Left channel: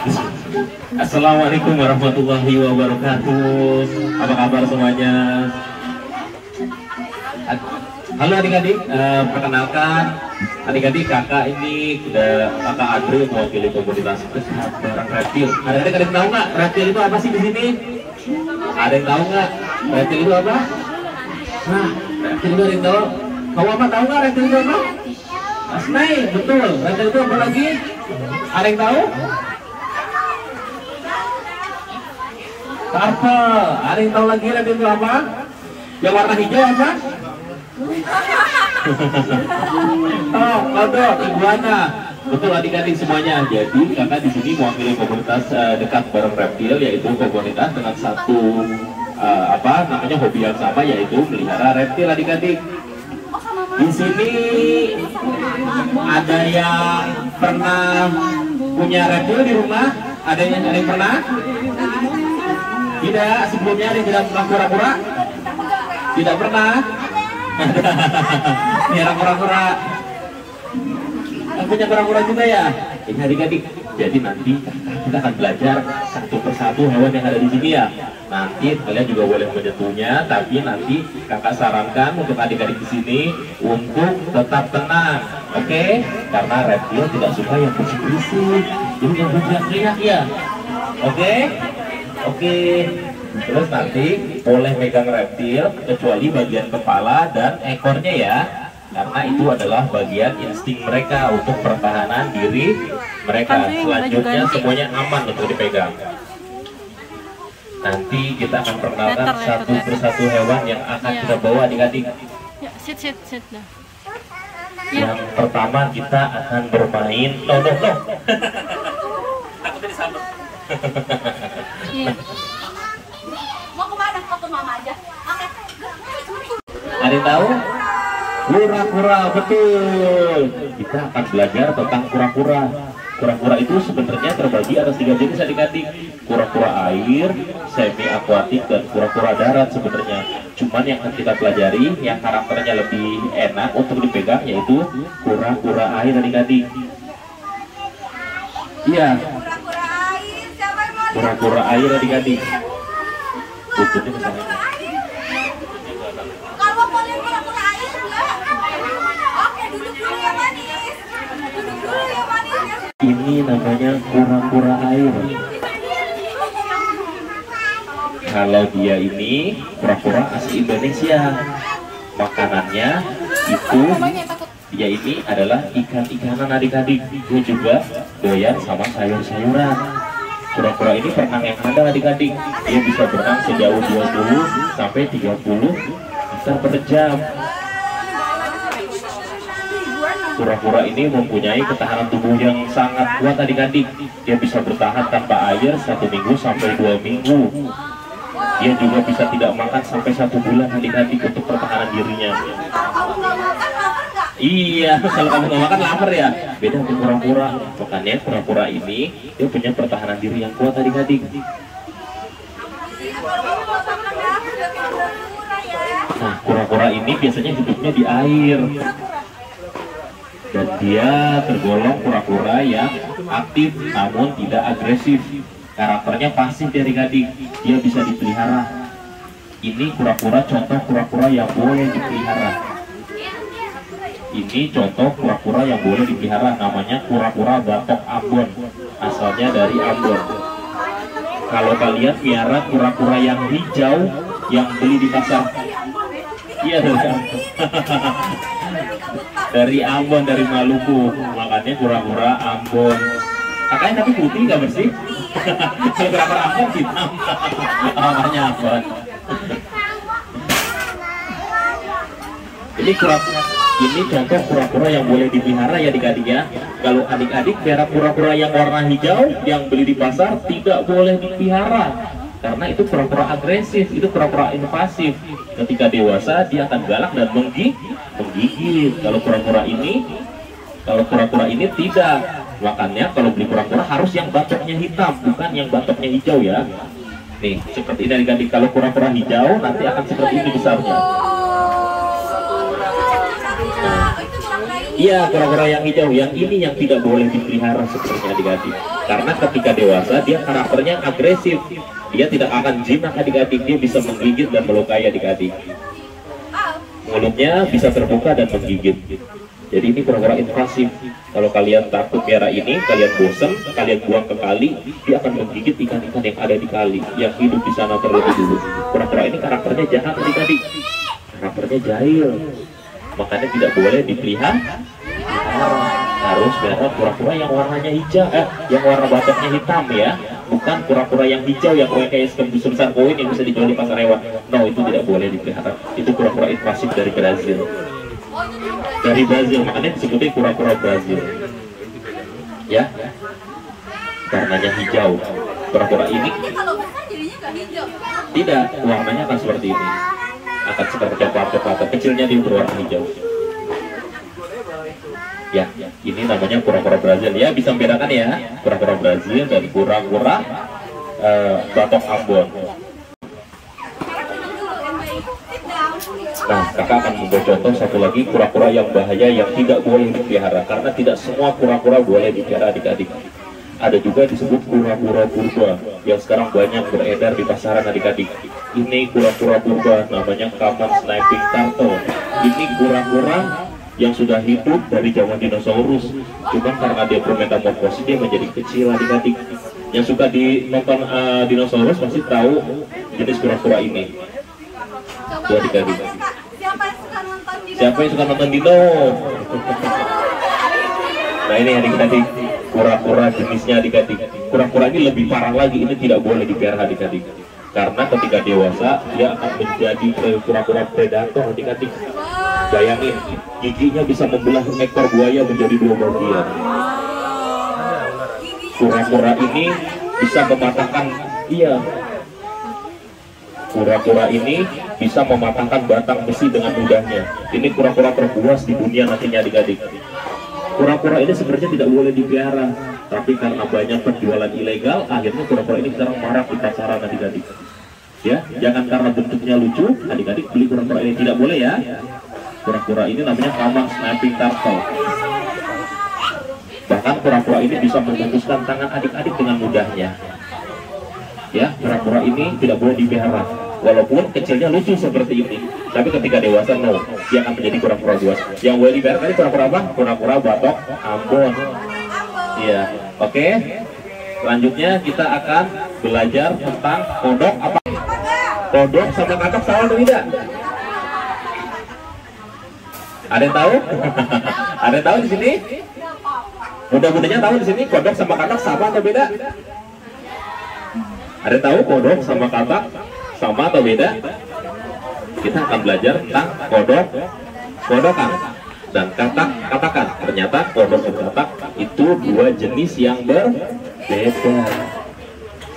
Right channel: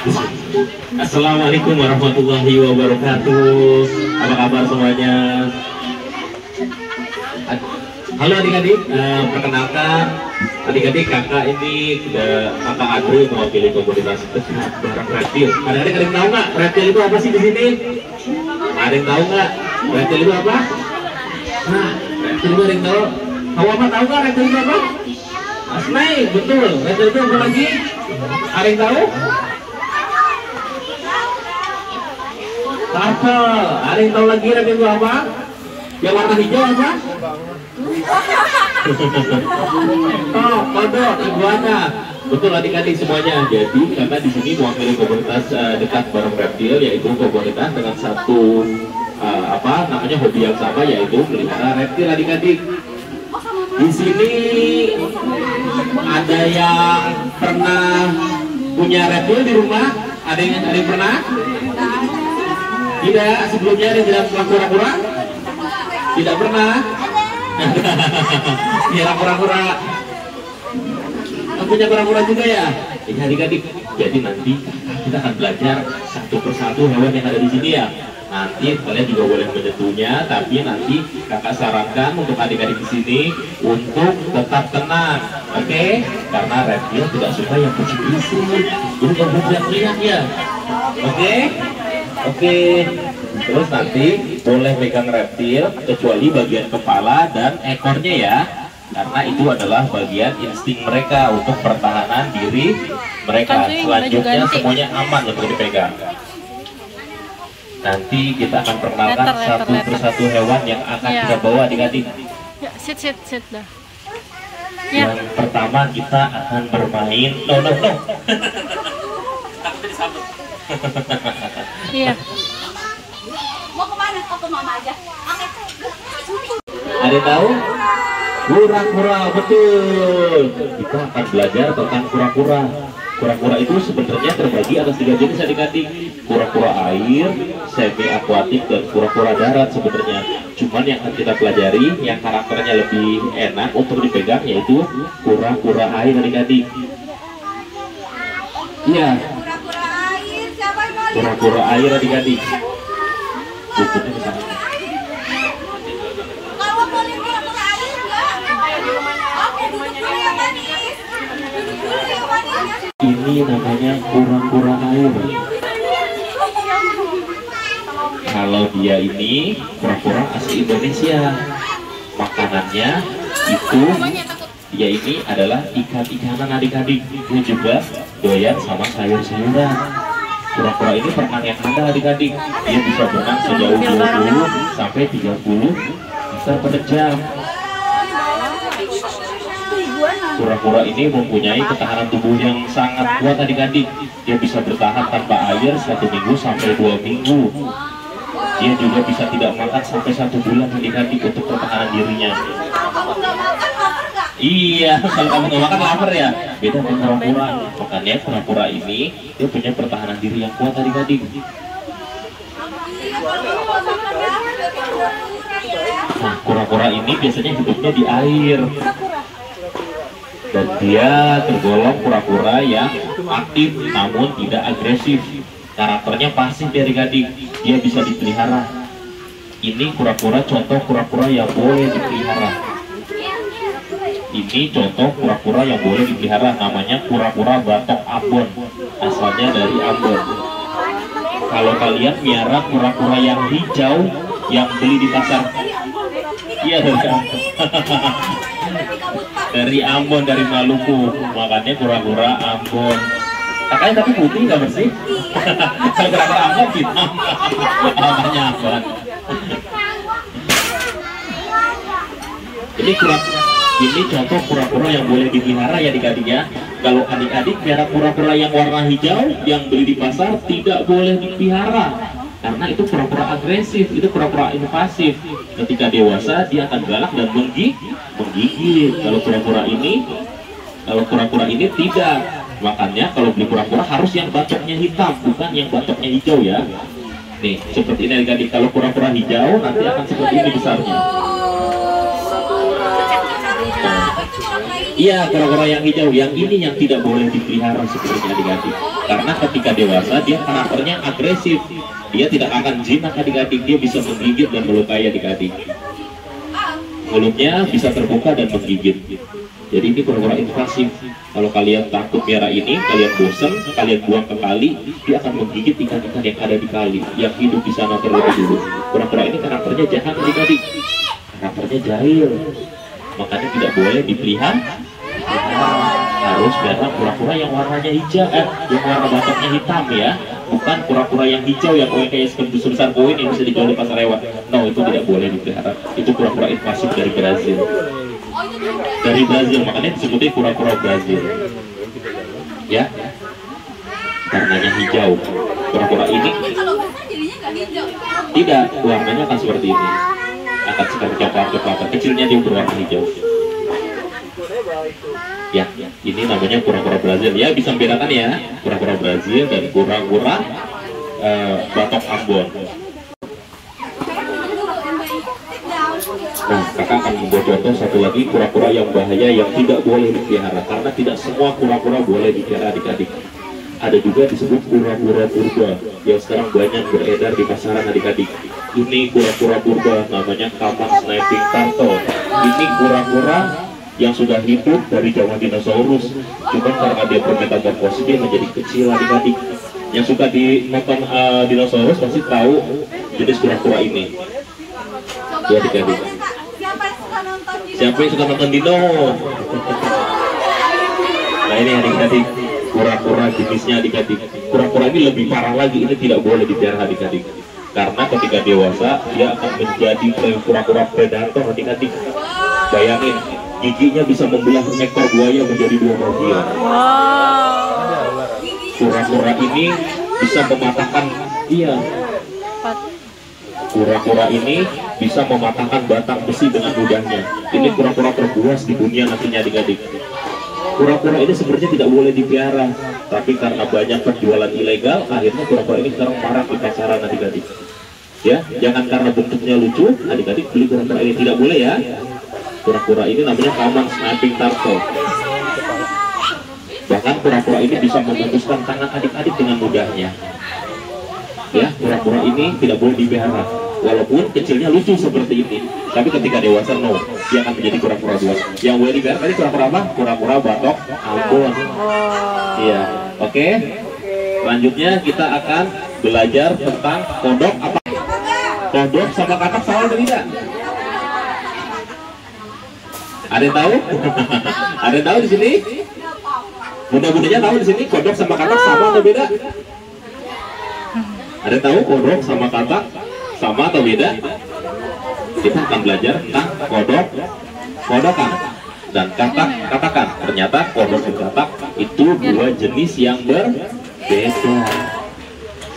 Assalamualaikum warahmatullahi wabarakatuh. Apa kabar semuanya? Halo adik-adik, perkenalkan adik-adik, kakak ini kakak Adri mewakili komunitas Dekat Barang Reptil. Adik-adik ada yang tahu nggak reptil itu apa sih di sini? Ada yang tahu nggak reptil itu apa? Nah, reptil itu ada yang tahu? Tahu apa? Tahu nggak reptil itu apa? Snake, betul. Reptil itu apa lagi? Ada yang tahu? Turtle. Ada yang tahu lagi reptil itu apa? Yang warna hijau apa? Oh, kodok, iguana. Betul adik-adik semuanya. Jadi kakak di sini mewakili komunitas Dekat Barang Reptil, yaitu komunitas dengan satu hobi yang sama, yaitu melihara reptil adik-adik. Di sini ada yang pernah punya reptil di rumah? Ada yang pernah? Tidak, sebelumnya ada yang tidak pernah kura-kura? Tidak pernah. Nyerang kura-kura. Punya kura-kura juga ya? Ini adik-adik. Jadi nanti kita akan belajar satu persatu hewan yang ada di sini ya. Nanti kalian juga boleh menyentuhnya, tapi nanti kakak sarankan untuk adik-adik di sini untuk tetap tenang, oke? Karena reptil tidak suka yang berisik-berisik. Jadi nggak boleh teriak-teriak ya, oke? Oke. Terus nanti boleh megang reptil kecuali bagian kepala dan ekornya ya, karena itu adalah bagian insting mereka untuk pertahanan diri mereka. Selanjutnya semuanya aman untuk dipegang. Nanti kita akan perkenalkan satu persatu hewan yang akan kita bawa adik-adik. Ya, sit dah. Yang pertama kita akan bermain no. Takutnya disambut. Iya. Mau kemana? Oh, ke mama aja. Oke. Ada yang tahu? Kura-kura, betul. Kita akan belajar tentang kura-kura. Kura-kura itu sebenarnya terbagi atas 3 jenis adik-adik. Kura-kura air, semi akuatik, dan kura-kura darat sebenarnya. Cuman yang akan kita pelajari yang karakternya lebih enak untuk dipegang yaitu kura-kura air adik-adik. Iya. Kura-kura air, siapa yang mau lihat? Kura-kura air adik-adik. Bukunya misalnya. Kalau mau lihat kura-kura air enggak? Oke, duduk dulu yang manis. Duduk dulu yang manis. Ini namanya kura-kura air. Kalau dia ini kura-kura asli Indonesia. Makanannya itu dia ini adalah ikan-ikanan adik-adik. Dia juga doyan sama sayur-sayuran. Kura-kura ini berenang yang handal adik-adik. Dia bisa berenang sejauh 20 sampai 30 meter per jam. Kura-kura ini mempunyai ketahanan tubuh yang sangat kuat adik-adik. Dia bisa bertahan tanpa air 1 minggu sampai 2 minggu. Dia juga bisa tidak makan sampai 1 bulan adik-adik untuk pertahanan dirinya. Kalau kamu nggak makan, lapar nggak? Iya, kalau kamu nggak makan lapar ya. Beda dengan kura-kura. Makanya kura-kura ini dia punya pertahanan diri yang kuat adik-adik. Iya, kalau kamu nggak makan lapar, nggak tahu kura-kura ya. Nah, kura-kura ini biasanya hidupnya di air. Dan dia tergolong kura-kura yang aktif namun tidak agresif. Karakternya pasif adik-adik. Dia bisa dipelihara. Ini kura-kura contoh kura-kura yang boleh dipelihara. Ini contoh kura-kura yang boleh dipelihara, namanya kura-kura batok Ambon. Asalnya dari Ambon. Kalau kalian miara kura-kura yang hijau yang beli di pasar, iya dari Ambon. Dari Ambon, dari Maluku, makanya kura-kura Ambon. Kakaknya tapi putih nggak bersih? Kalau kura-kura Ambon hitam, namanya Ambon. Ini contoh kura-kura yang boleh dipelihara ya adik-adik ya. Kalau adik-adik pelihara kura-kura yang warna hijau yang beli di pasar tidak boleh dipelihara. Karena itu kura-kura agresif, itu kura-kura invasif. Ketika dewasa dia akan galak dan menggigit. Kalau kura-kura ini tidak. Makanya kalau beli kura-kura harus yang batoknya hitam, bukan yang batoknya hijau ya. Nih, seperti ini adik-adik. Kalau kura-kura hijau nanti akan seperti ini besarnya. Oh, itu kura-kura Iya, kura-kura yang hijau. Yang ini yang tidak boleh dipelihara sebenarnya adik-adik. Karena ketika dewasa dia karakternya agresif. Dia tidak akan jinak adik-adik. Dia bisa menggigit dan melukai adik-adik. Mulutnya bisa terbuka dan menggigit. Jadi ini kura-kura invasif. Kalau kalian takut merah ini, kalian bosan, kalian buang ke kali, dia akan menggigit ikan-ikan yang ada di kali, yang hidup di sana terlebih dulu. Kura-kura ini karakternya jahat adik-adik. Karakternya jahil. Makanya tidak boleh dipelihara. Harus merah kura-kura yang warnanya hijau, yang warna batoknya hitam ya. Bukan kura-kura yang hijau yang koin kayak sebesar koin yang bisa dijual di pasar hewan. No, itu tidak boleh dipelihara. Itu kura-kura invasif dari Brazil. Dari Brazil, makanya disebutnya kura-kura Brazil. Ya, warnanya hijau. Kura-kura ini kalau besar jadinya nggak hijau. tidak, warnanya akan seperti ini. Akan seperti coklat-coklatan. Kecilnya dia berwarna hijau. Ya, ini namanya kura-kura Brazil. Ya, bisa membedakan ya, kura-kura Brazil dan kura-kura batok Ambon. Nah, kakak akan membuat contoh satu lagi kura-kura yang bahaya yang tidak boleh dipelihara, karena tidak semua kura-kura boleh dipelihara adik-adik. Ada juga disebut kura-kura purba yang sekarang banyak beredar di pasaran adik-adik. Ini kura-kura purba namanya common snapping turtle. Ini kura-kura yang sudah hidup dari zaman dinosaurus, cuma karena dia bermetamorfosis dia menjadi kecil adik-adik. Yang suka nonton dinosaurus pasti tahu jenis kura-kura ini. Coba Adik-adik. Kak, siapa yang suka nonton di Siapa yang suka nonton dino? Nah ini adik-adik, kura-kura jenisnya adik-adik. Kura-kura ini lebih parah lagi, ini tidak boleh dipelihara adik-adik. Karena ketika dewasa dia akan menjadi kura-kura predator adik-adik. Bayangin, giginya bisa membelah ekor buaya menjadi dua bagian. Kura-kura ini bisa mematahkan, iya. Kura-kura ini bisa mematahkan batang besi dengan mudahnya. Ini kura-kura terbuas di dunia nantinya adik-adik. Kura-kura ini sebenarnya tidak boleh dipelihara, tapi karena banyak penjualan ilegal, akhirnya kura-kura ini sekarang marak di pasaran adik-adik. Ya, jangan karena bentuknya lucu, adik-adik beli kura-kura ini, tidak boleh ya. Kura-kura ini namanya common snapping turtle. Bahkan kura-kura ini bisa memutuskan tangan adik-adik dengan mudahnya. Ya, kura-kura ini tidak boleh dipelihara. Walaupun kecilnya lucu seperti ini, tapi ketika dewasa no, dia akan menjadi kura-kura buas. Yang boleh dipelihara tadi kura-kura apa? Kura-kura batok Ambon. Iya, oke. Selanjutnya kita akan belajar tentang kodok apa? Kodok sama katak sama atau tidak? Ada yang tahu? Ada yang tahu di sini? Bunda-bundanya tahu di sini kodok sama katak sama atau beda? Ada yang tahu kodok sama katak sama atau beda? Kita akan belajar tentang kodok, kodokan, dan katakan. Ternyata kodok dan katak itu dua jenis yang berbeda.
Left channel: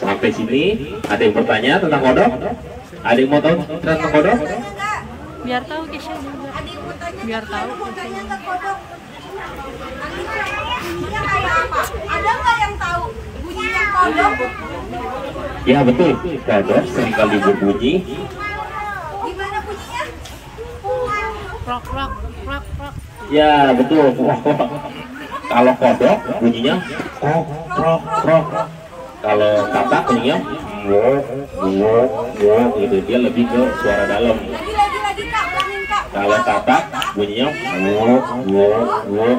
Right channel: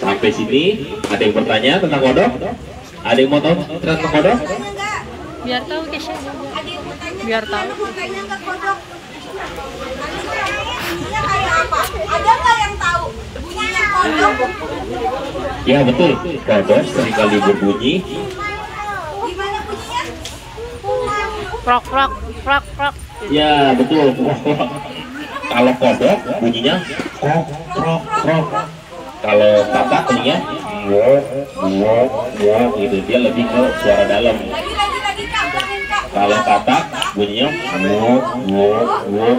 Sampai sini ada yang bertanya tentang kodok? Ada yang mau tahu tentang kodok? Biar tahu Kesha juga. Ada yang mau tanya, Biar tahu. mau tanya nggak kodok? Bunyinya kayak apa? Ada nggak yang tahu bunyinya kodok? Ya betul, kodok seringkali berbunyi. Gimana bunyinya? Prok prok prok prok. Ya betul. Kalau kodok bunyinya krok krok krok. Kalau katak bunyinya gitu, dia lebih ke suara dalam. Lagi Kak, ulangin Kak. Kalau katak bunyinya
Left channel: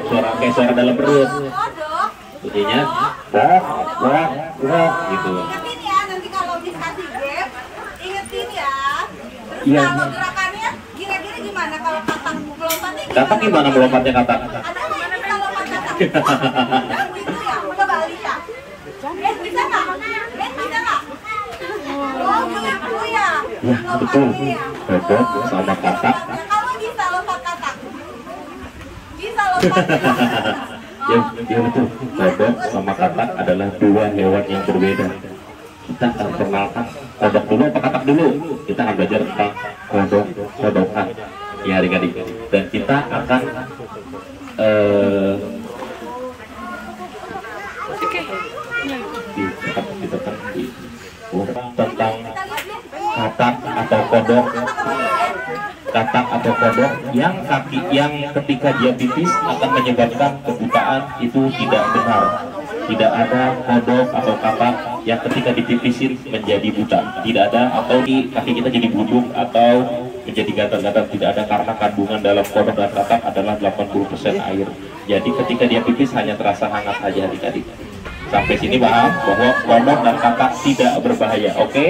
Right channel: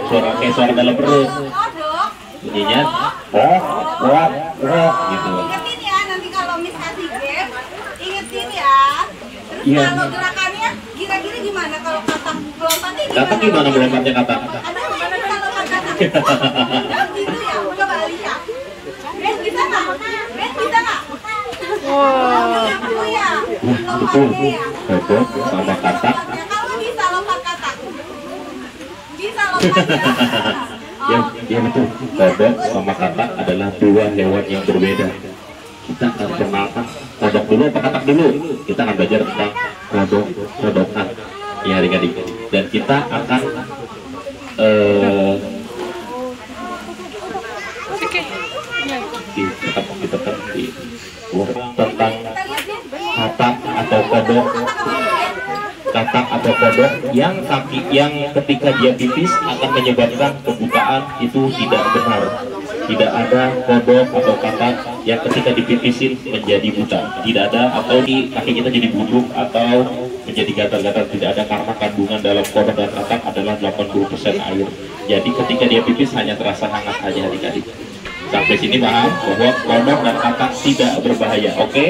suara kayak suara dalam perut. Kodok. Bunyinya gitu. Ingetin ya, nanti kalau Miss kasih game, ingetin ya. Terus Iya. kalau gerakannya kira-kira gimana kalau katak melompatnya gimana? Katak gimana melompatnya katak? Ada nggak yang bisa lompat katak? Gitu ya, coba Alisa. Ben bisa nggak? Ben bisa nggak? Wow. Gitu ya. Ya betul. Lompatnya ya. Kodok sama katak. Kalau bisa lompat katak. Bisa lompat. Ya betul. Kodok sama katak adalah dua hewan yang berbeda. Kita akan kenalkan kodok dulu apa katak dulu? Kita akan belajar tentang kodokan. Ya adik-adik. Dan kita akan Oke. Ya. ditekan tentang katak atau kodok. katak atau kodok yang ketika dia pipis akan menyebabkan kebutaan, itu tidak benar. Tidak ada kodok atau katak yang ketika dipipisin menjadi buta, tidak ada, atau di kaki kita jadi buduk atau menjadi gatal-gatal, tidak ada, karena kandungan dalam kodok dan katak adalah 80% air. Jadi ketika dia pipis hanya terasa hangat saja adik-adik. Sampai sini paham bahwa kodok dan katak tidak berbahaya, oke?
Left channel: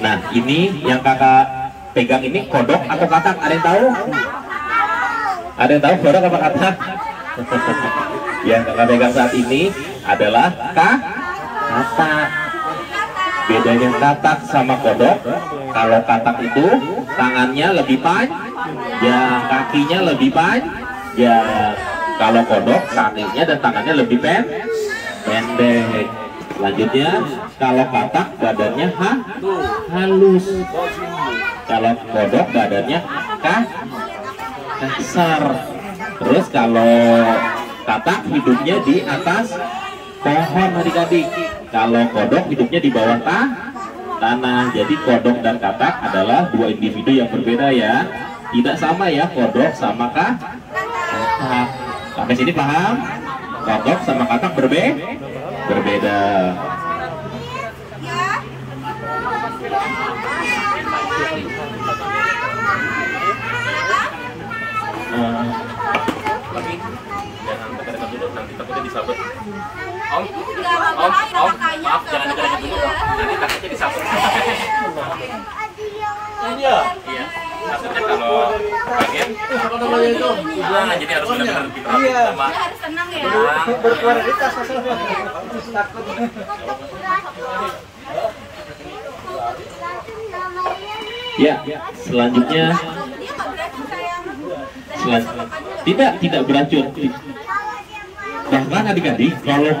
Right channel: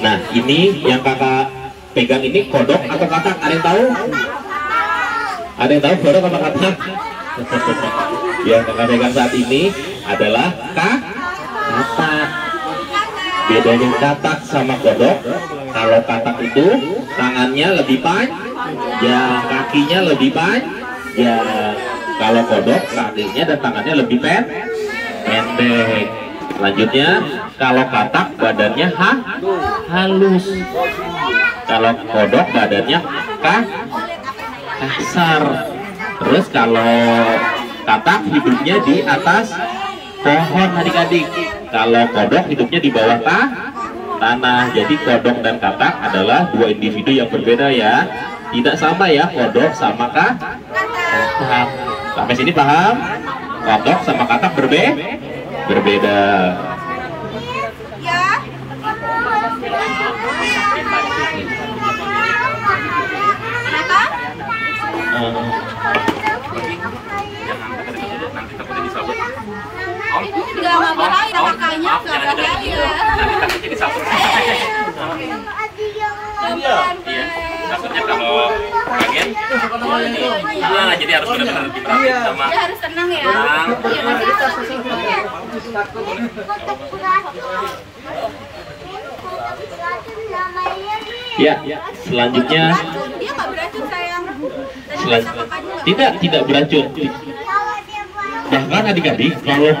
Nah, ini yang kakak pegang ini kodok atau katak, ada yang tahu? Ada yang tahu kodok apa katak? Yang kakak pegang saat ini adalah katak. Bedanya katak sama kodok, kalau katak itu tangannya lebih panjang, kakinya lebih panjang. Kalau kodok kakinya dan tangannya lebih pendek. Selanjutnya, kalau katak badannya halus. Kalau kodok badannya kasar. Terus kalau katak hidupnya di atas pohon adik-adik. Kalau kodok hidupnya di bawah tanah. Jadi kodok dan katak adalah dua individu yang berbeda ya. Tidak sama ya kodok sama katak. Sampai sini paham? Kodok sama katak berbeda. Ya. Kenapa? Nggak bahaya, makanya nggak bahaya. Iya, maksudnya kalau bagian jadi harus benar-benar diperhatiin sama. Dia harus tenang ya. Ya, selanjutnya Dia nggak beracun sayang. tidak beracun. Bahkan adik-adik, kalau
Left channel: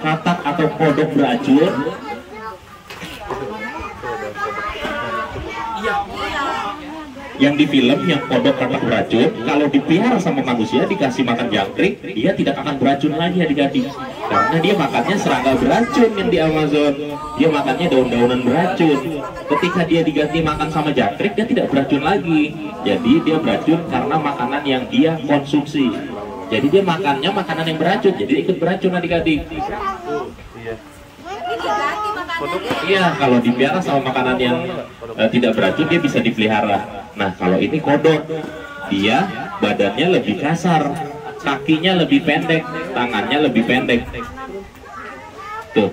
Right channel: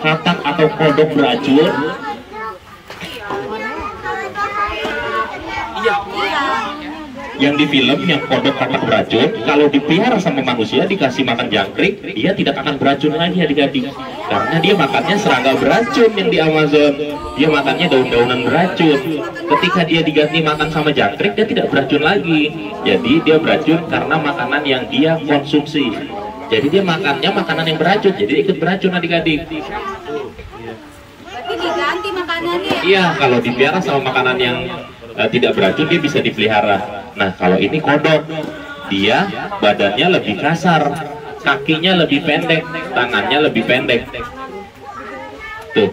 katak atau kodok beracun, yang di film yang kodok katak beracun, kalau dipelihara sama manusia dikasih makan jangkrik, dia tidak akan beracun lagi adik-adik, karena dia makannya serangga beracun yang di Amazon. Dia makannya daun-daunan beracun. Ketika dia diganti makan sama jangkrik, dia tidak beracun lagi. Jadi dia beracun karena makanan yang dia konsumsi. Jadi dia makannya makanan yang beracun, jadi ikut beracun adik-adik. Berarti diganti makanannya. Iya, kalau dipelihara sama makanan yang tidak beracun, dia bisa dipelihara. Nah, kalau ini kodok, dia badannya lebih kasar, kakinya lebih pendek, tangannya lebih pendek, tuh,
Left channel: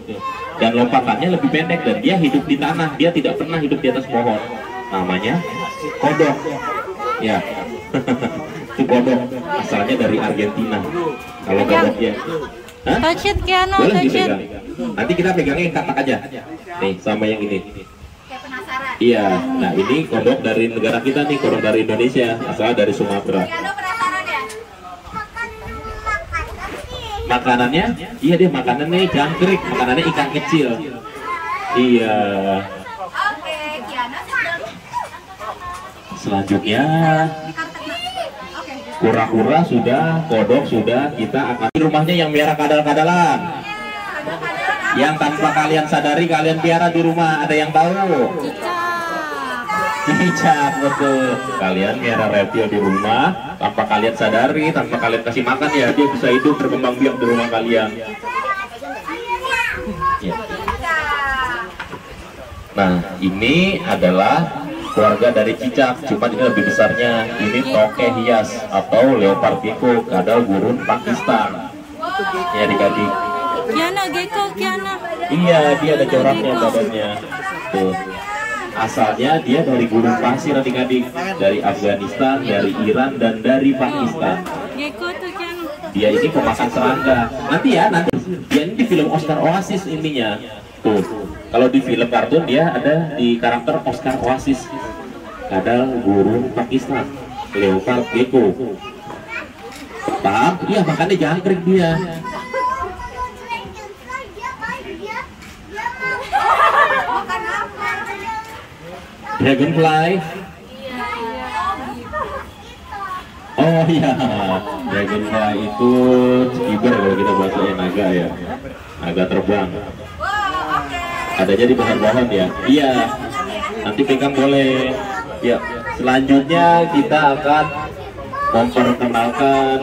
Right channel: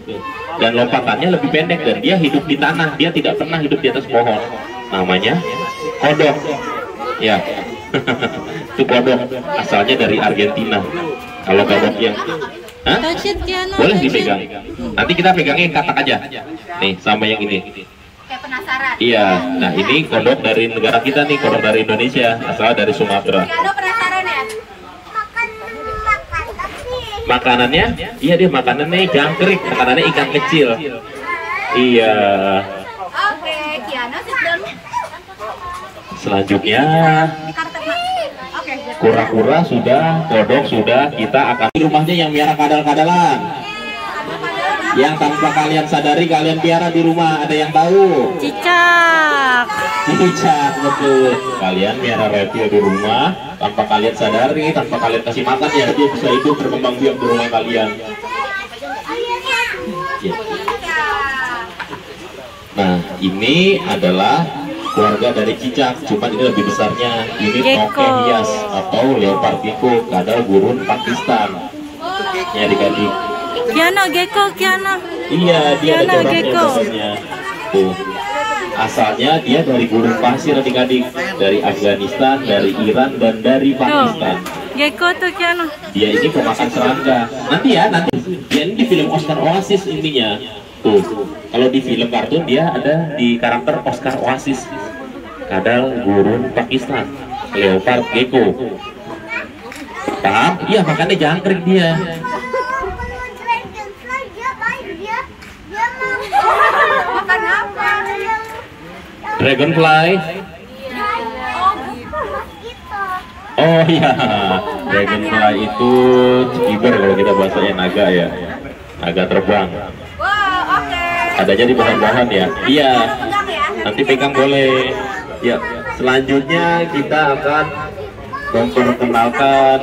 dan lompatannya lebih pendek, dan dia hidup di tanah, dia tidak pernah hidup di atas pohon. Namanya kodok, ya. Itu kodok, asalnya dari Argentina. Kalau kodok yang boleh dipegang. Nanti kita pegangnya yang katak aja, nih, sama yang ini. Kayak penasaran. Iya, nah ini kodok dari negara kita nih, kodok dari Indonesia, asal dari Sumatera. Ada penasaran ya? Makanannya, iya dia makanannya jangkrik, makanannya ikan kecil. Iya. Oke, Kiana sedang. Selanjutnya, Oke. kura-kura sudah, kodok sudah, kita akan di rumahnya yang miara kadal-kadalan. Yang tanpa kalian sadari kalian piara di rumah, ada yang tahu? Cicak. Cicak, betul. Kalian miara reptil di rumah tanpa kalian sadari, tanpa kalian kasih makan ya, dia bisa hidup berkembang biak di rumah kalian. Ya. Nah, ini adalah keluarga dari cicak, cuman ini lebih besarnya. Ini toke hias atau leopard gecko, kadal gurun Pakistan. Ya adik-adik. Kiana gecko, Kiana. Iya, dia Kiana gecko. Tuh. Asalnya dia dari gurun pasir adik-adik, dari Afghanistan, dari Iran, dan dari Pakistan. Gecko tuh Kiana. Dia ini pemakan serangga. Nanti dia ini di film Oscar Oasis intinya. Tuh, kalau di film kartun dia ada di karakter Oscar Oasis. Kadal gurun Pakistan, leopard gecko. Paham? Iya, makannya jangkrik dia. Makan apa? Dragonfly. Oh iya, dragonfly itu cekiber kalau kita bahasanya naga ya, naga terbang. Wow, oke. adanya di pohon-pohon ya. Iya, nanti pegang boleh. Ya, selanjutnya kita akan memperkenalkan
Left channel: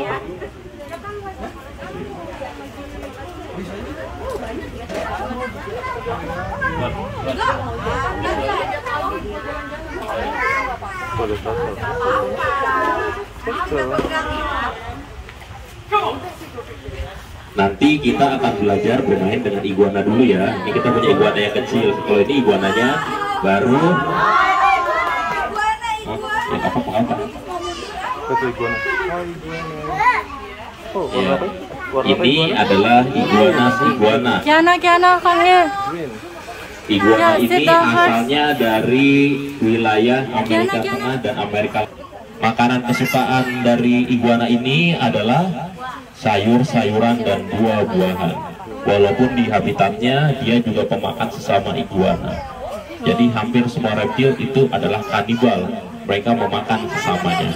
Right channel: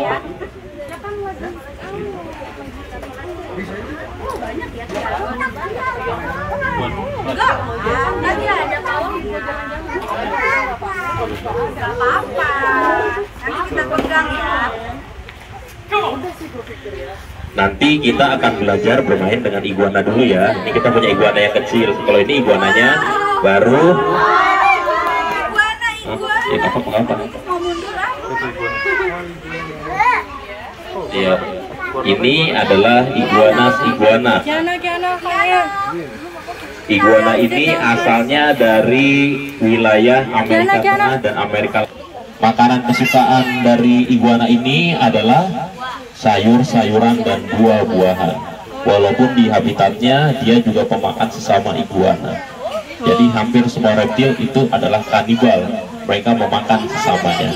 nanti kita akan belajar bermain dengan iguana dulu ya. Ini kita punya iguana yang kecil. Kalau ini iguananya baru ya apa? Iya. Ini adalah iguana. Kiana kami. Iguana ini asalnya dari wilayah Amerika Tengah dan Amerika. Makanan kesukaan dari iguana ini adalah sayur-sayuran dan buah-buahan. Walaupun di habitatnya dia juga pemakan sesama iguana. Jadi hampir semua reptil itu adalah kanibal. Mereka memakan sesamanya.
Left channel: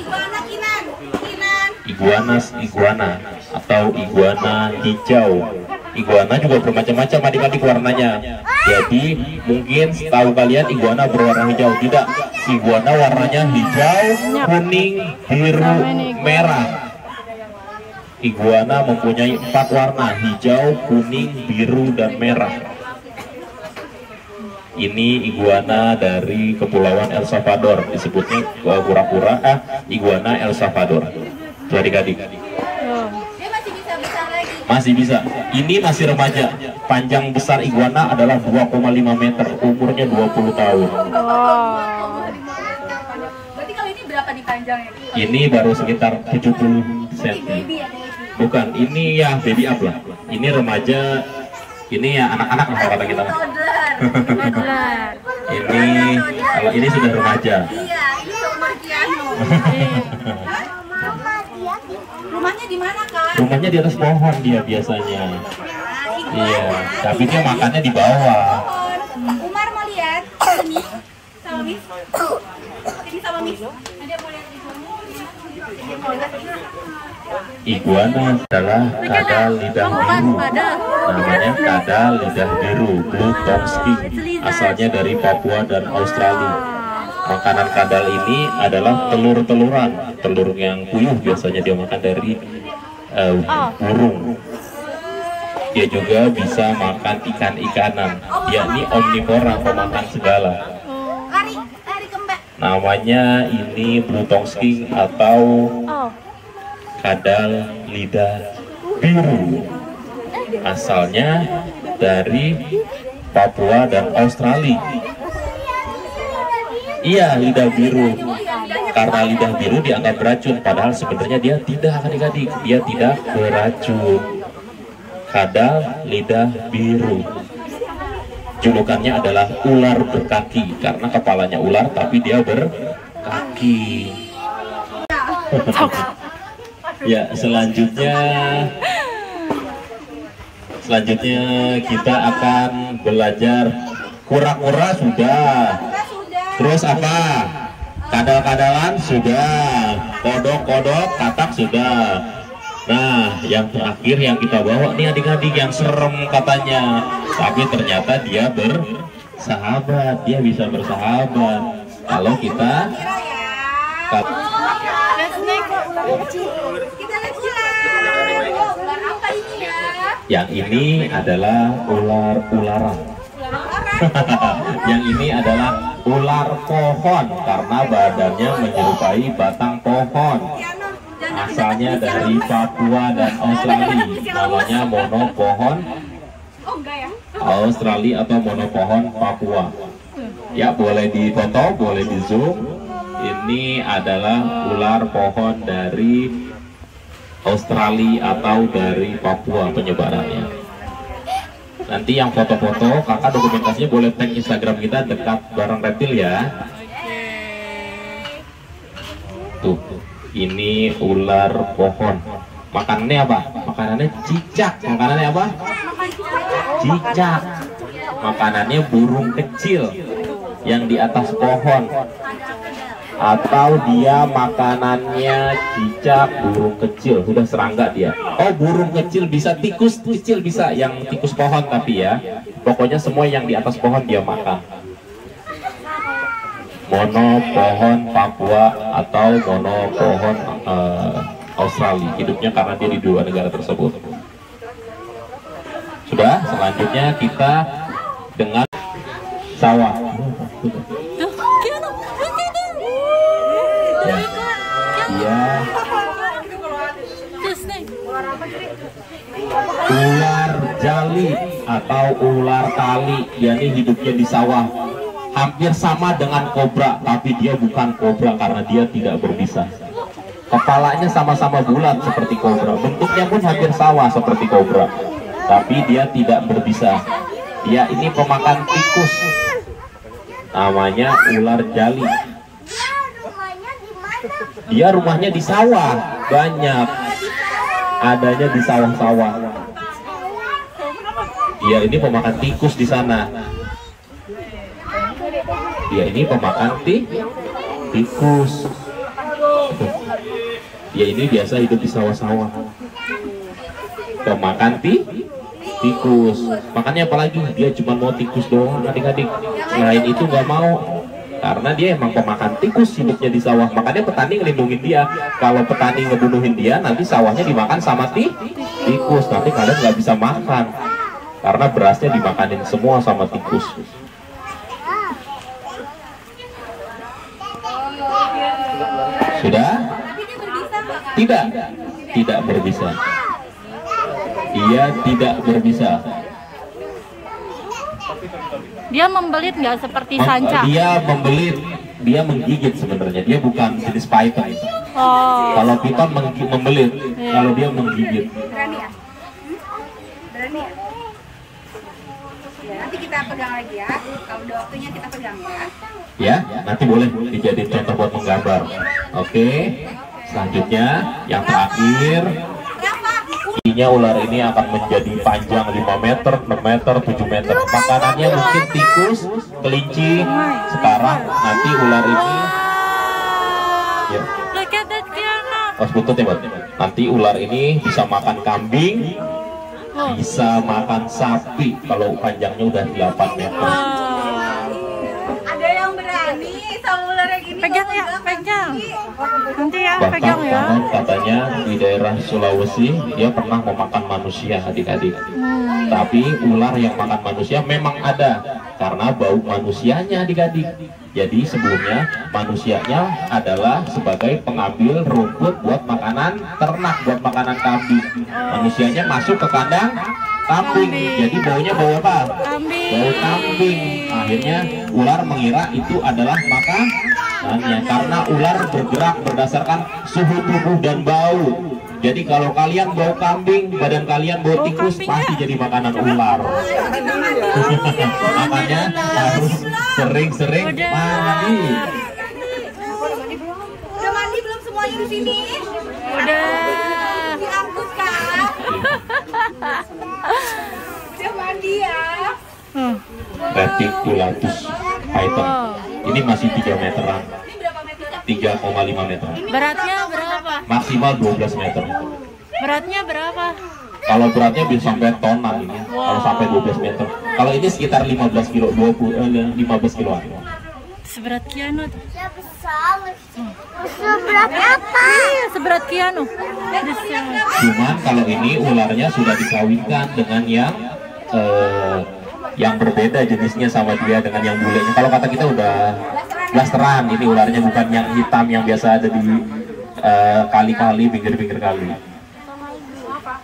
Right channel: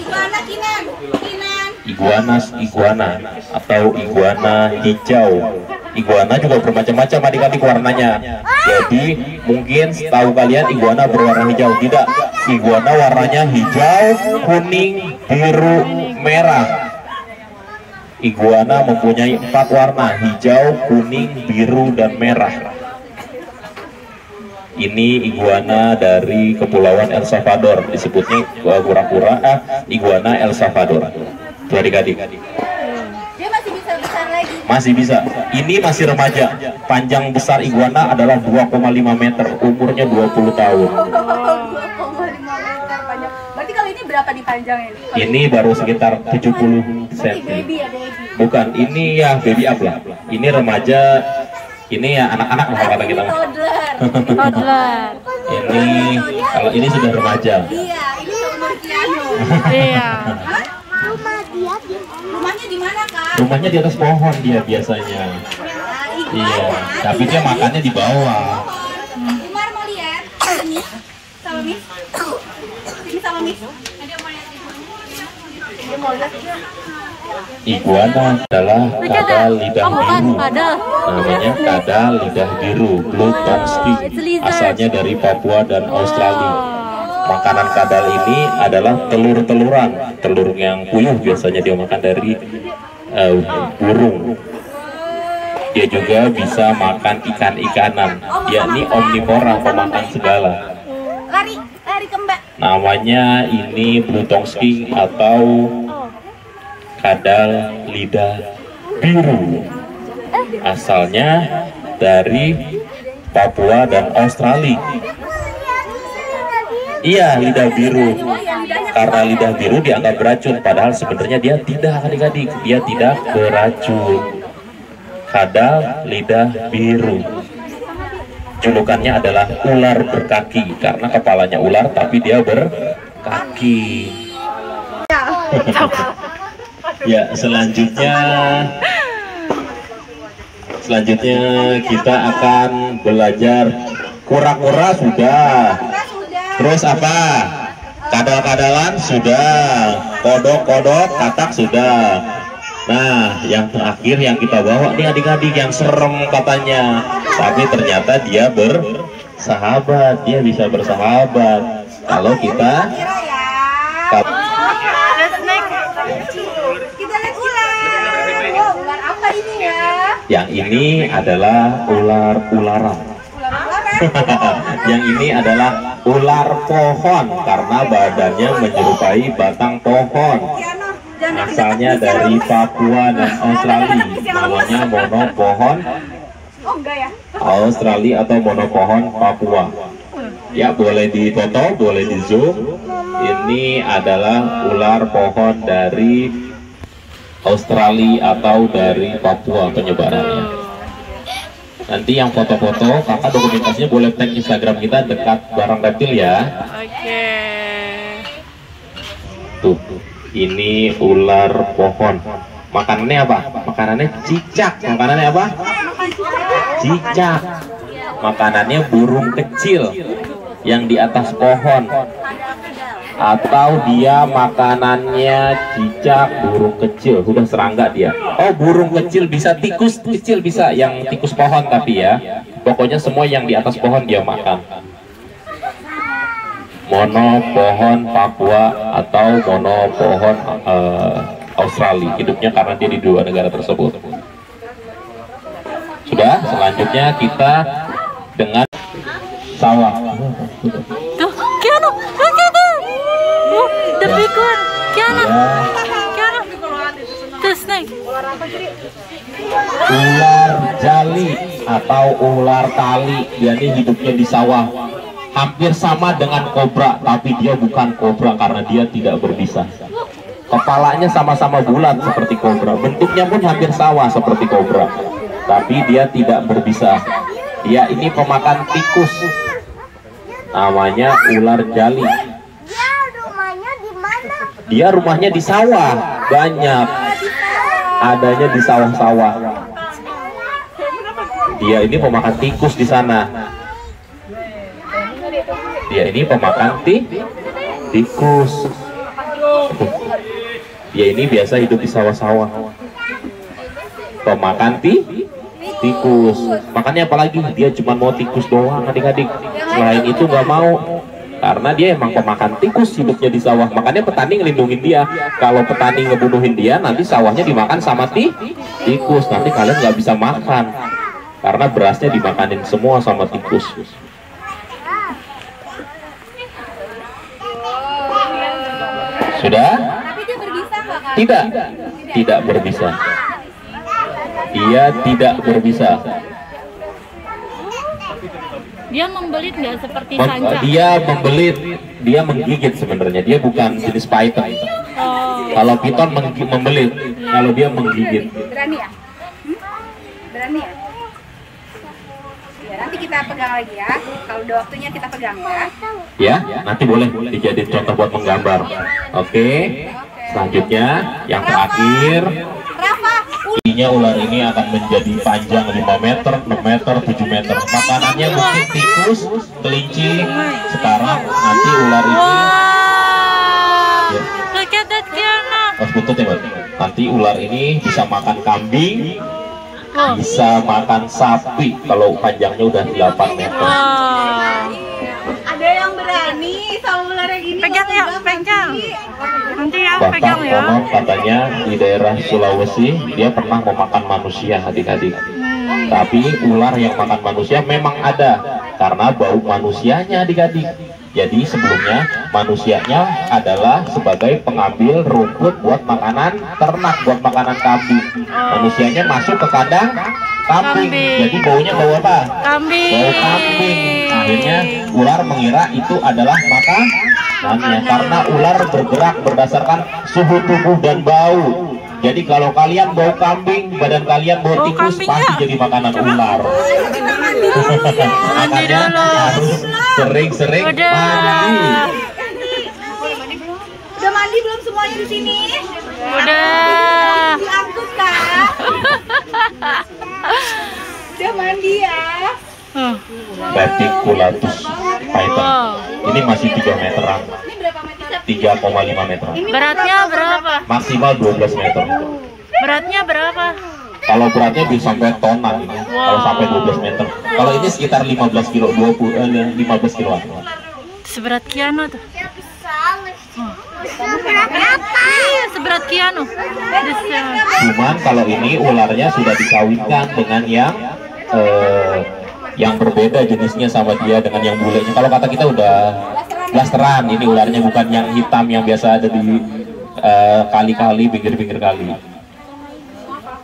Iguana atau iguana hijau. Iguana juga bermacam-macam adik-adik warnanya. Jadi mungkin setahu kalian iguana berwarna hijau. Tidak, iguana warnanya hijau, kuning, biru, merah. Iguana mempunyai 4 warna: hijau, kuning, biru, dan merah. Ini iguana dari Kepulauan El Salvador, disebutnya kura-kura iguana El Salvador. Adik-adik. Dia masih bisa besar lagi. Masih bisa. Ini masih remaja. Panjang besar iguana adalah 2,5 meter. Umurnya 20 tahun. Berarti kalau ini berapa nih panjangnya? Ini baru sekitar 70 cm. Baby ya, baby. Bukan, ini ya baby up lah. Ini remaja. Ini ya anak-anak kalau kata kita. Toddler. Ini kalau ini sudah remaja. Iya, ini seumur Kiano. Iya. Rumahnya di mana, Kak? Rumahnya di atas pohon dia biasanya. Iya, tapi dia makannya di bawah. Umar mau lihat? Sini sama Miss. Sini sama Miss. Iguana adalah kadal lidah biru. Namanya kadal lidah biru, Blue Tongue Skink. Asalnya dari Papua dan Australia. Makanan kadal ini adalah telur-teluran. Telur yang puyuh biasanya dia makan dari burung. Dia juga bisa makan ikan-ikanan. Dia ini omnivora, pemakan segala. Lari kembang. Namanya ini Blue Tongue Skink atau kadal lidah biru. Asalnya dari Papua dan Australia. Iya, lidah biru. Karena lidah biru dianggap beracun, padahal sebenarnya dia tidak, adik-adik. Dia tidak beracun. Kadal lidah biru. Julukannya adalah ular berkaki karena kepalanya ular tapi dia berkaki. Ya, selanjutnya kita akan belajar kura-kura sudah. Terus apa? Kadal-kadalan sudah. Kodok-kodok, katak sudah. Nah, yang terakhir yang kita bawa nih adik-adik yang serem katanya. Tapi ternyata dia bersahabat. Dia bisa bersahabat. Kalau kita yang ini adalah ular-ularan. Yang ini adalah ular pohon karena badannya menyerupai batang pohon. Asalnya dari Papua dan Australia. Namanya monopohon Australia atau monopohon Papua. Ya, boleh difoto, boleh di zoom. Ini adalah ular pohon dari Australia atau dari Papua penyebarannya. Nanti yang foto-foto kakak dokumentasinya boleh tag Instagram kita dekat barang reptil ya. Oke. Tuh, ini ular pohon. Makanannya apa? Makanannya cicak. Makanannya apa? Cicak. Makanannya burung kecil yang di atas pohon. Atau dia makanannya cicak, burung kecil, sudah serangga dia. Oh, burung kecil bisa, tikus kecil bisa, yang tikus pohon tapi ya. Pokoknya semua yang di atas pohon dia makan. Mono pohon Papua atau mono pohon Australia. Hidupnya karena dia di dua negara tersebut. Sudah, selanjutnya kita dengan sawah. Tuh, Kiano, Kiano. Oh, the big one. Kiano. Kiano. Tuh, snake. Ular jali atau ular tali, dia ini hidupnya di sawah. Hampir sama dengan kobra, tapi dia bukan kobra karena dia tidak berbisa. Kepalanya sama-sama bulat seperti kobra, bentuknya pun hampir sama seperti kobra, tapi dia tidak berbisa. Dia ini pemakan tikus. Namanya ular jali. Dia rumahnya di sawah, banyak. Adanya di sawah-sawah. Dia ini pemakan tikus di sana. Dia ini pemakan tikus. Dia ini biasa hidup di sawah-sawah. Pemakan tikus. Makanya apalagi dia cuma mau tikus doang adik-adik. Selain itu nggak mau. Karena dia emang pemakan tikus, hidupnya di sawah. Makanya petani ngelindungin dia. Kalau petani ngebunuhin dia, nanti sawahnya dimakan sama tikus. Nanti kalian nggak bisa makan. Karena berasnya dimakanin semua sama tikus. Sudah? Tidak berbisa. Dia tidak berbisa. Dia membelit nggak seperti sanca? Dia membelit, dia menggigit sebenarnya. Dia bukan jenis python. Oh. Kalau python membelit, kalau dia menggigit. Berani ya? Berani ya? Ya, nanti kita pegang lagi ya. Kalau udah waktunya kita pegang ya. Ya, nanti boleh dijadiin contoh buat menggambar. Oke. Selanjutnya, yang terakhir. Ininya ular ini akan menjadi panjang 5 meter, 6 meter, 7 meter. Makanannya mungkin tikus, kelinci. Sekarang nanti ular ini. Wow. Ya. Look at that Kiano. Butut ya, nanti ular ini bisa makan kambing, Oh. bisa makan sapi kalau panjangnya udah 8 meter. Wow. Ada yang berani sama ular yang ini. Pegang ya, pegang. Nanti ya, Bahkan pegang ya. konon katanya di daerah Sulawesi dia pernah memakan manusia adik-adik. Tapi ular yang makan manusia memang ada karena bau manusianya adik-adik. Jadi sebelumnya manusianya adalah sebagai pengambil rumput buat makanan ternak, buat makanan kambing. Manusianya masuk ke kandang kambing. Jadi baunya bau apa? Kambing. Bau kambing. Akhirnya ular mengira itu adalah makanannya karena ular bergerak berdasarkan suhu tubuh dan bau. Jadi kalau kalian bau kambing, badan kalian bau tikus, pasti jadi makanan ular. Makanya harus sering-sering mandi. Udah mandi belum semuanya di sini? Udah. Diangkut kan? Udah mandi ya? Reticulatus python. Ini masih 3 meteran. Ini berapa meter? 3,5 meter. Beratnya berapa? Maksimal 12 meter. Beratnya berapa? Kalau beratnya bisa sampai tonan ini. Kalau sampai 12 meter. Kalau ini sekitar 15 kilo, 15 kiloan. Seberat Kiano tuh. Seberat apa? Iya, seberat Kiano. Bisa. Cuman kalau ini ularnya sudah dikawinkan dengan yang berbeda jenisnya sama dia dengan yang bulenya. Kalau kata kita udah blasteran, ini ularnya bukan yang hitam yang biasa ada di kali-kali, pinggir-pinggir kali.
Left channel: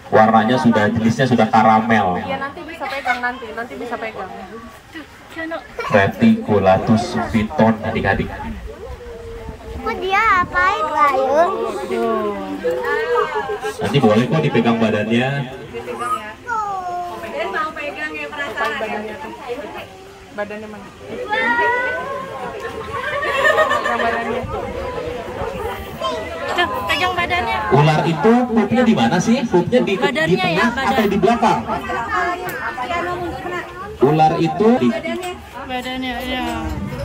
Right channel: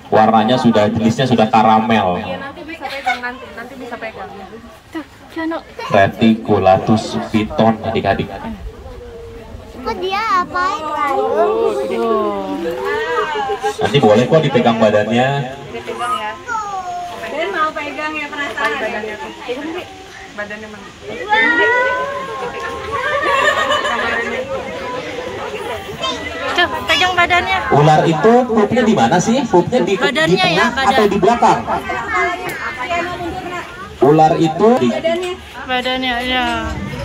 Warnanya sudah, jenisnya sudah karamel. Nanti bisa pegang. Tuh, Kiano. Reticulatus python adik-adik. Kok dia apain kayun? Oh. Nanti boleh kok dipegang badannya. Dipegang ya. Ben mau pegang ya, penasaran ya? Badannya mana? Tuh, pegang badannya. Ular itu pupnya di mana sih? Pupnya di Badannya tengah ya, badan. atau di belakang? Ular itu Badannya ya.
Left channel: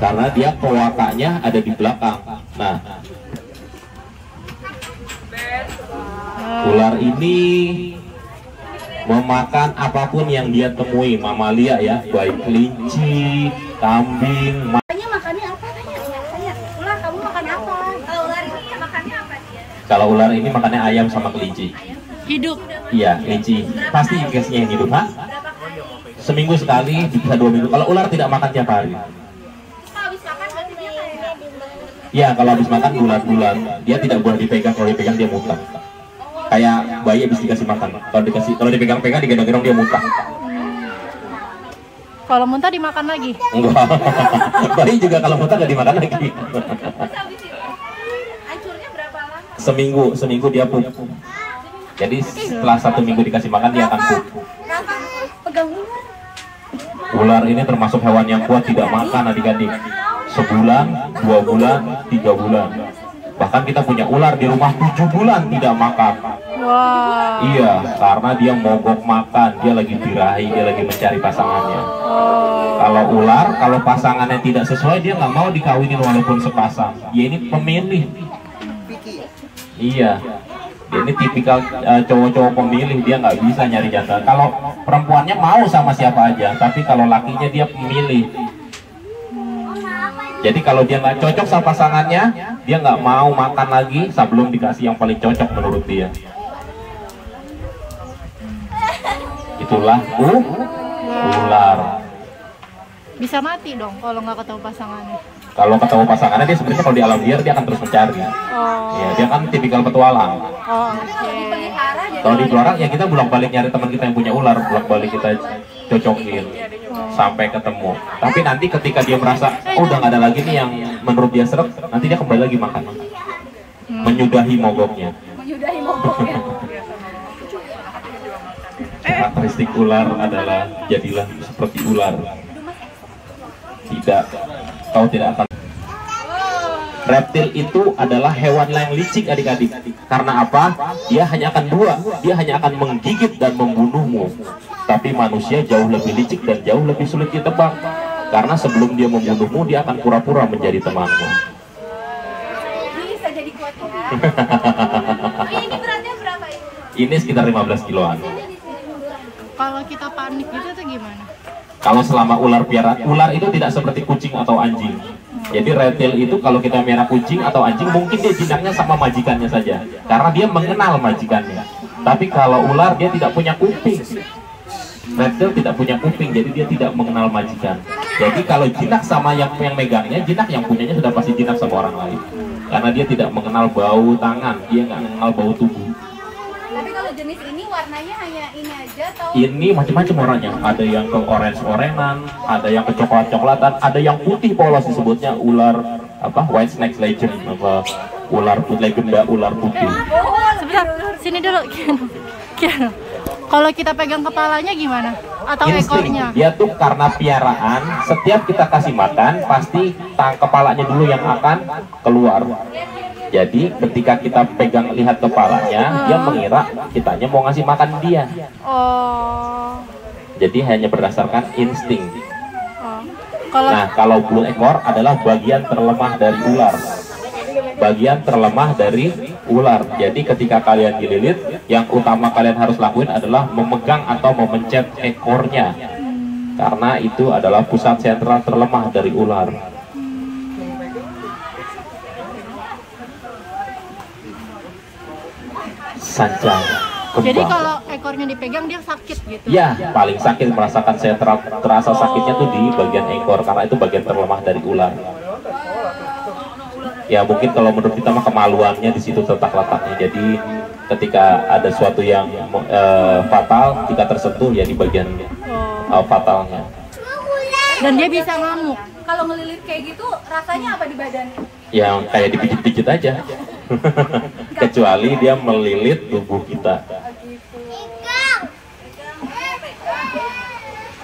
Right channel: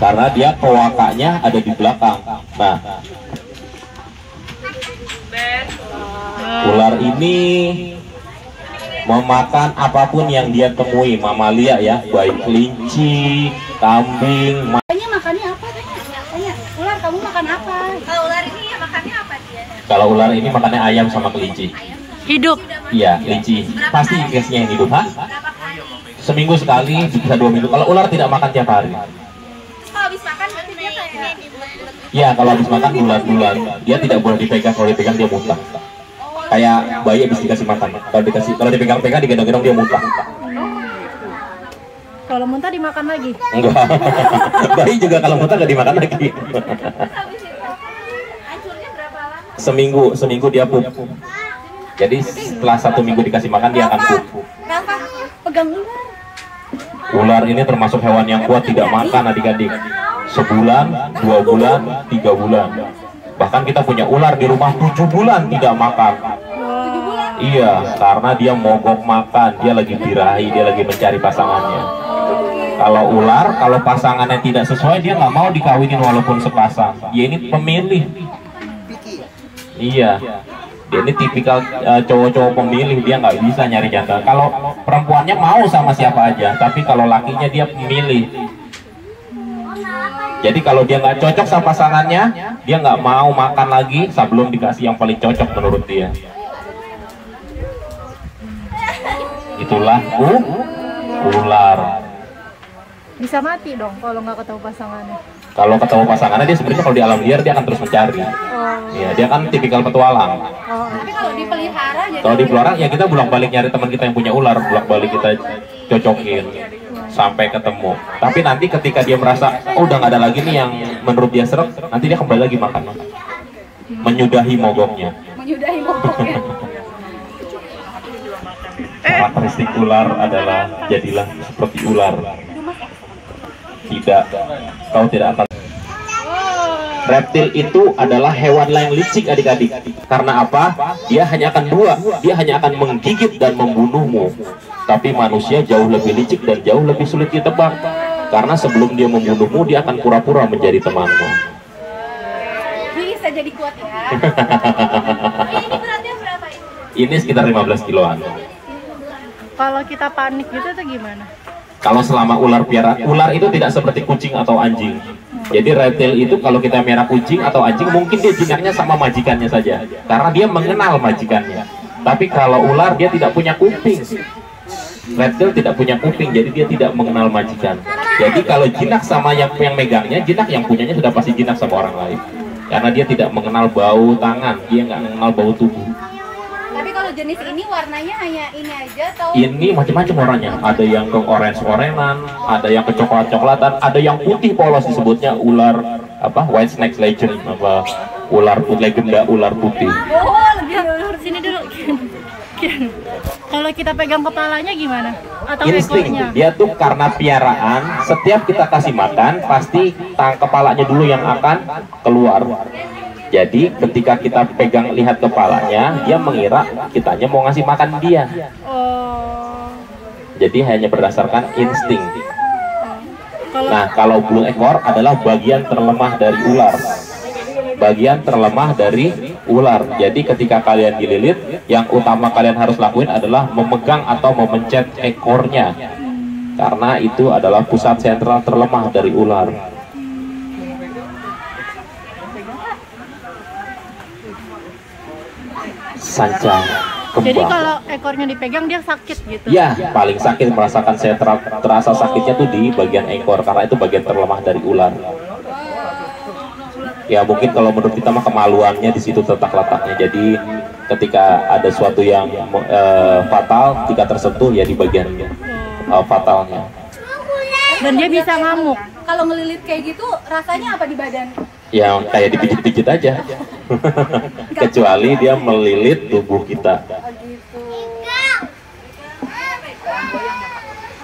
karena dia kloakanya ada di belakang. Nah, ular ini memakan apapun yang dia temui, mamalia ya, baik kelinci, kambing. Tanya makannya apa? Tanya, ular kamu makan apa? Kalau ular ini ya makannya apa dia? Kalau ular ini makannya ayam sama kelinci. Hidup. Iya, kelinci. Pasti ikhlasnya yang hidup, ha? Seminggu sekali, bisa 2 minggu. Kalau ular tidak makan tiap hari. Kalau habis makan berarti dia kayak Iya, kalau habis makan bulat-bulat, dia tidak boleh dipegang. Kalau dipegang dia muntah. Kayak bayi habis dikasih makan. Kalau dipegang-pegang, digendong-gendong dia muntah. Kalau muntah dimakan lagi. Enggak. Bayi juga kalau muntah nggak dimakan lagi. habis itu hancurnya berapa lama? Seminggu dia pup. Jadi setelah 1 minggu dikasih makan dia akan pup. Kakak pegang ular. Ular ini termasuk hewan yang kuat, tidak makan adik-adik. Sebulan, 2 bulan, 3 bulan. Bahkan kita punya ular di rumah 7 bulan tidak makan. Wah. Iya, karena dia mogok makan, dia lagi birahi, dia lagi mencari pasangannya. Kalau ular, kalau pasangannya tidak sesuai, dia nggak mau dikawinin walaupun sepasang. Dia ini pemilih. Iya, dia ini tipikal cowok-cowok pemilih, dia nggak bisa nyari jantan. Kalau perempuannya mau sama siapa aja, tapi kalau lakinya dia memilih. Jadi kalau dia nggak cocok sama pasangannya, dia nggak mau makan lagi sebelum dikasih yang paling cocok menurut dia. Itulah ular. Bisa mati dong kalau nggak ketemu pasangannya. Kalau ketemu pasangannya dia sebenarnya kalau di alam liar dia akan terus mencari. Oh. Ya, dia kan tipikal petualang. Oh, oke. Kalau di pelihara ya kita bolak-balik nyari teman kita yang punya ular, bolak-balik kita cocokin sampai ketemu. Tapi nanti ketika dia merasa udah nggak ada lagi nih yang menurut dia seret, nanti dia kembali lagi makan. Menyudahi mogoknya. Menyudahi mogoknya. Karakteristik ular adalah jadilah seperti ular. Tidak, kau tidak akan. Reptil itu adalah hewan yang licik adik-adik. Karena apa? Dia hanya akan dia hanya akan menggigit dan membunuhmu. Tapi manusia jauh lebih licik dan jauh lebih sulit ditebak. Karena sebelum dia membunuhmu, dia akan pura-pura menjadi temanmu. Bisa jadi kuat ya. Ini beratnya berapa ini? Ini sekitar 15 kiloan. Kalau kita panik gitu tuh gimana? Kalau selama ular itu tidak seperti kucing atau anjing. Jadi reptil itu kalau kita merah kucing atau anjing, mungkin dia jinaknya sama majikannya saja, karena dia mengenal majikannya. Tapi kalau ular dia tidak punya kuping. Reptil tidak punya kuping, jadi dia tidak mengenal majikan. Jadi kalau jinak sama yang megangnya, jinak yang punyanya sudah pasti jinak sama orang lain. Karena dia tidak mengenal bau tangan, dia nggak mengenal bau tubuh. Tapi kalau jenis ini warnanya hanya ini aja atau? Ini macam-macam warnanya. Ada yang ke orange-orangan, ada yang ke coklat-coklatan, ada yang putih polos disebutnya ular apa? White snake legend apa? Ular legenda ular putih. Sebentar, sini dulu. Kian. Kalau kita pegang kepalanya gimana? Atau ekornya? Dia tuh karena piaraan, setiap kita kasih makan pasti kepalanya dulu yang akan keluar. Jadi ketika kita pegang lihat kepalanya, dia mengira kitanya mau ngasih makan dia. Oh. Jadi hanya berdasarkan insting. Oh. Nah, kalau blue ekor adalah bagian terlemah dari ular. Bagian terlemah dari ular. Jadi ketika kalian dililit, yang utama kalian harus lakuin adalah memegang atau memencet ekornya. Karena itu adalah pusat sentral terlemah dari ular. Sanca. Jadi kalau ekornya dipegang dia sakit gitu? Ya, paling sakit merasakan terasa sakitnya tuh di bagian ekor, karena itu bagian terlemah dari ular. Ya mungkin kalau menurut kita mah kemaluannya di situ letaknya. Jadi ketika ada suatu yang fatal, jika tersentuh ya di bagian fatalnya. Dan dia bisa ngamuk. Kalau ngelilit kayak gitu rasanya apa di badan? Yang kayak dipijit-pijit aja. Kecuali dia melilit tubuh kita.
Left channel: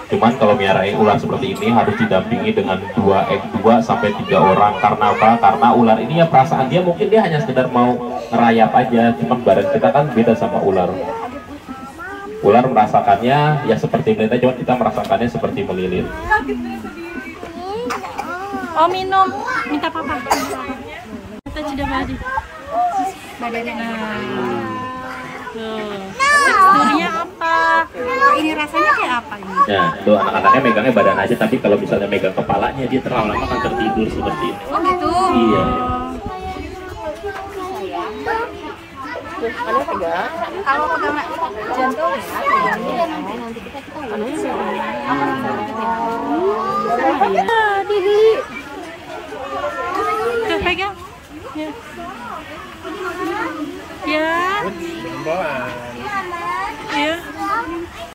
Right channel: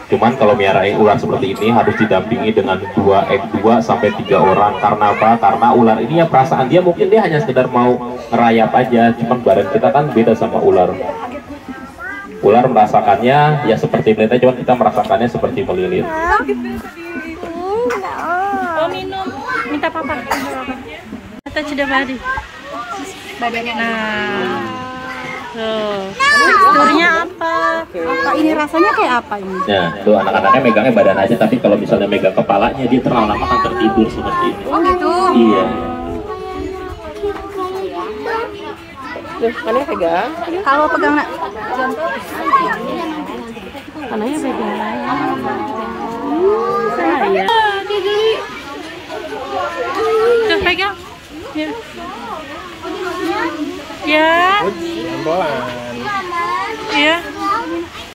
Cuman kalau miarain ular seperti ini harus didampingi dengan 2 sampai 3 orang. Karena apa? Karena ular ini ya perasaan dia mungkin dia hanya sekedar mau ngerayap aja. Cuman badan kita kan beda sama ular. Ular merasakannya ya seperti melilit, cuma kita merasakannya seperti melilit. Oh minum, minta papa. Kita sudah badi. Badannya. Nah, tuh teksturnya apa? Apa ini rasanya kayak apa ini? Ya, tuh anak-anaknya megangnya badan aja, tapi kalau misalnya megang kepalanya dia terlalu lama akan tertidur seperti ini. Oh gitu. Iya. Kalian pegang. Kalau pegang jantung. Anaknya pegang. Apa rasanya? Saya. Tuh pegang. Ya. Ya. Ya.